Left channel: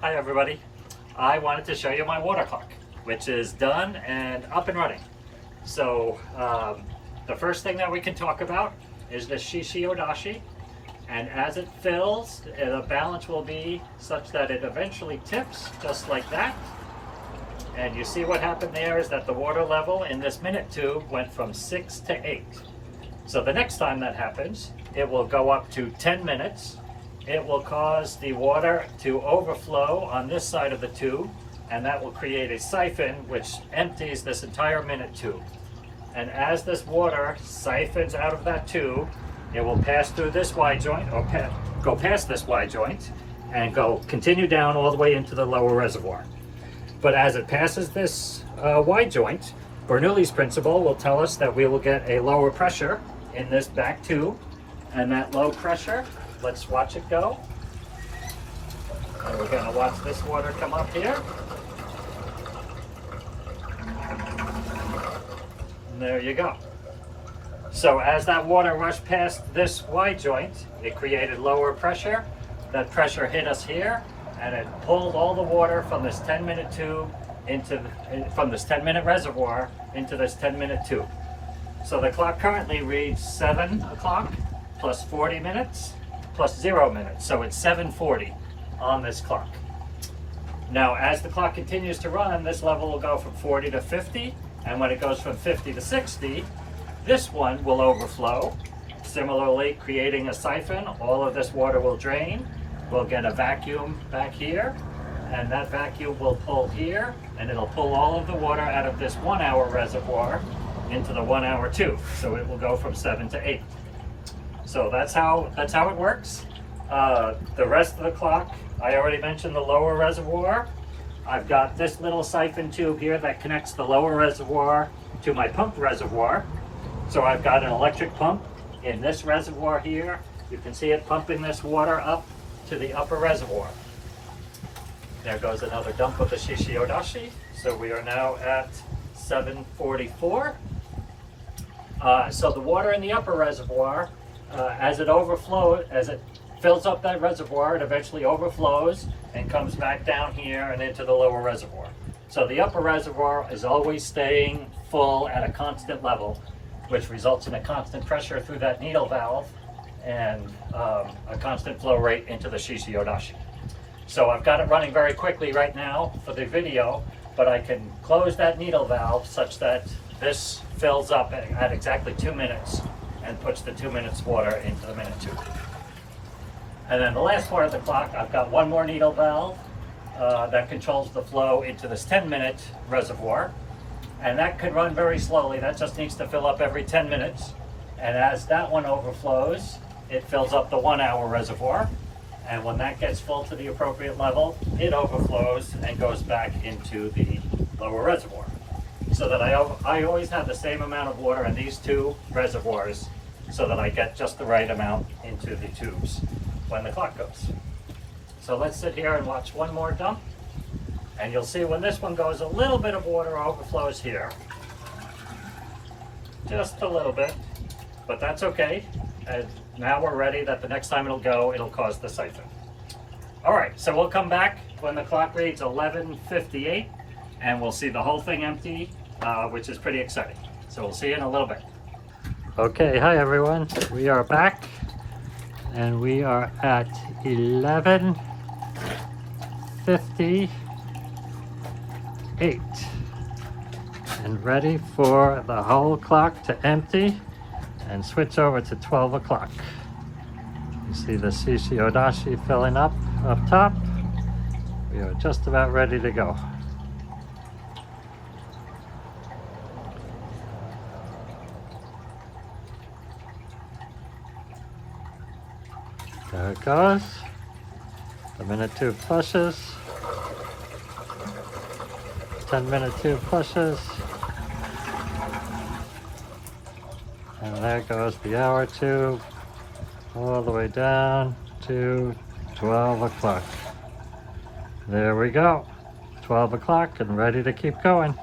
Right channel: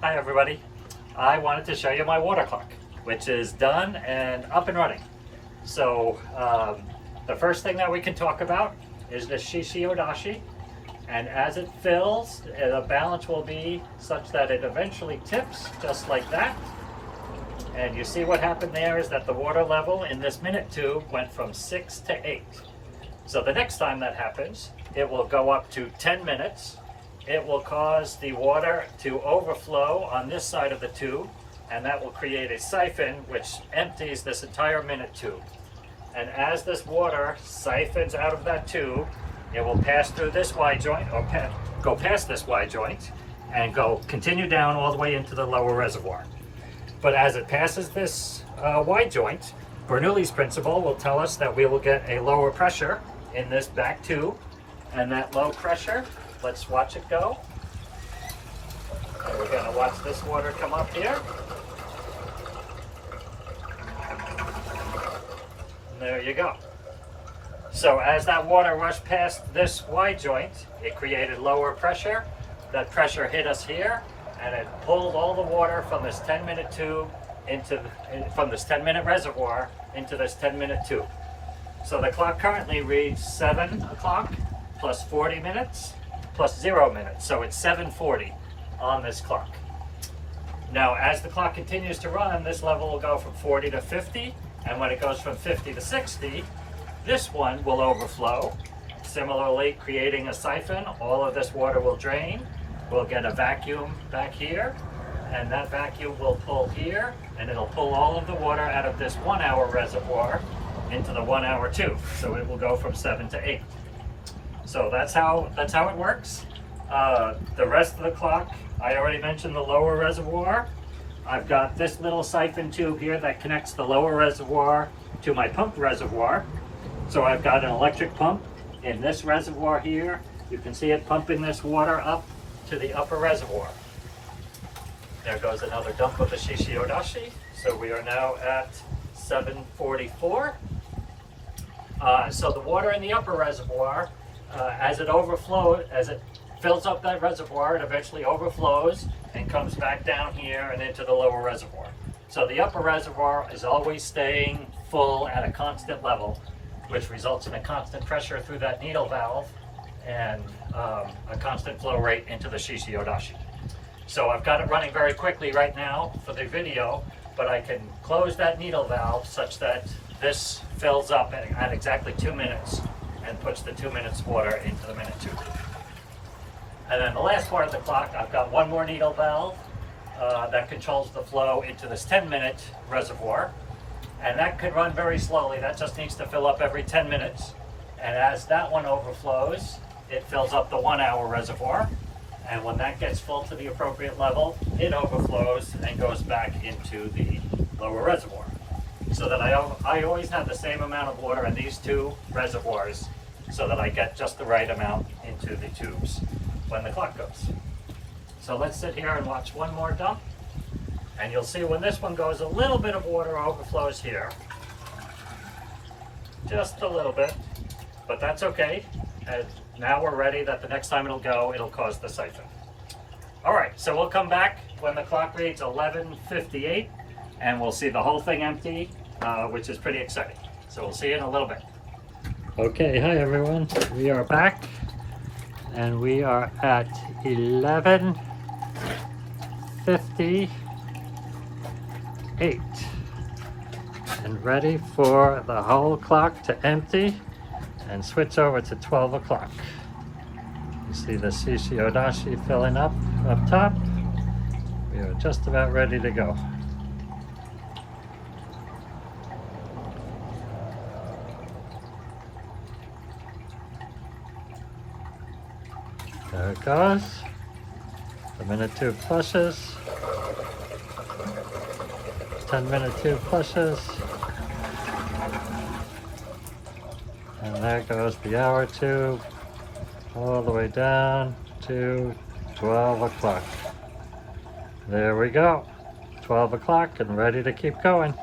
Hi everybody. I wanted to show you my water clock, which is done and up and running. So the first thing that we can talk about is the Shishi-Odashi. And as it fills, the balance will be such that it eventually tips just like that. And you see what happened there is that the water level in this minute tube went from 6 to 8. So the next time that happens, it will go up to 10 minutes. It will cause the water to overflow on this side of the tube, and that will create a siphon which empties this entire minute tube. And as this water siphons out of that tube, it will pass through this Y joint, or go past this Y joint, and continue down all the way into the lower reservoir. But as it passes this Y joint, Bernoulli's principle will tell us that we will get a lower pressure in this back tube, and that low pressure, let's watch it go. We're going to watch this water come up here. And there you go. So as that water rushed past this Y joint, it created lower pressure. That pressure hit us here, and it pulled all the water from this 10-minute tube from this 10-minute reservoir into this 10-minute tube. So the clock currently reads 7 o'clock plus 40 minutes plus 0 minutes. So it's 7:40 on this clock. Now, as the clock continues to run, this level will go from 40 to 50. And when it goes from 50 to 60, this one will overflow. Similarly, creating a siphon, all of this water will drain. We'll get a vacuum back here, and that vacuum will pull here, and it'll pull all of the water out of this 1 hour reservoir into the 1 hour tube. So it will go from 7 to 8. So that's how it works. The rest of the clock, I already mentioned the lower reservoir. I've got this little siphon tube here that connects the lower reservoir to my pump reservoir. So I've got an electric pump in this reservoir here. You can see it pumping this water up to the upper reservoir. There goes another dump of the Shishi-Odashi. So we are now at 7:44. So the water in the upper reservoir, as it fills up that reservoir, it eventually overflows and comes back down here and into the lower reservoir. So the upper reservoir is always staying full at a constant level, which results in a constant pressure through that needle valve and a constant flow rate into the Shishi-Odashi. So I've got it running very quickly right now for the video, but I can close that needle valve such that this fills up at exactly 2 minutes and puts the 2 minutes water into the minute tube. And then the last part of the clock, I've got one more needle valve that controls the flow into this 10-minute reservoir. And that could run very slowly. That just needs to fill up every 10 minutes. And as that one overflows, it fills up the 1 hour reservoir. And when that gets full to the appropriate level, it overflows and goes back into the lower reservoir. So that I always have the same amount of water in these two reservoirs so that I get just the right amount into the tubes when the clock goes. So let's sit here and watch one more dump. And you'll see when this one goes, a little bit of water overflows here. Just a little bit, but that's okay. And now we're ready that the next time it'll cause the siphon. All right, so we'll come back when the clock reads 11:58, and we'll see the whole thing empty, which is pretty exciting. So we'll see you in a little bit. Okay, hi everyone. We are back, and we are at 11:58 and ready for the whole clock to empty and switch over to 12 o'clock. You see the Shishi-Odashi filling up top. We are just about ready to go. There it goes. The minute tube flushes. 10-minute tube flushes. And there goes the hour tube all the way down to 12 o'clock. There we go. 12 o'clock and ready to keep going.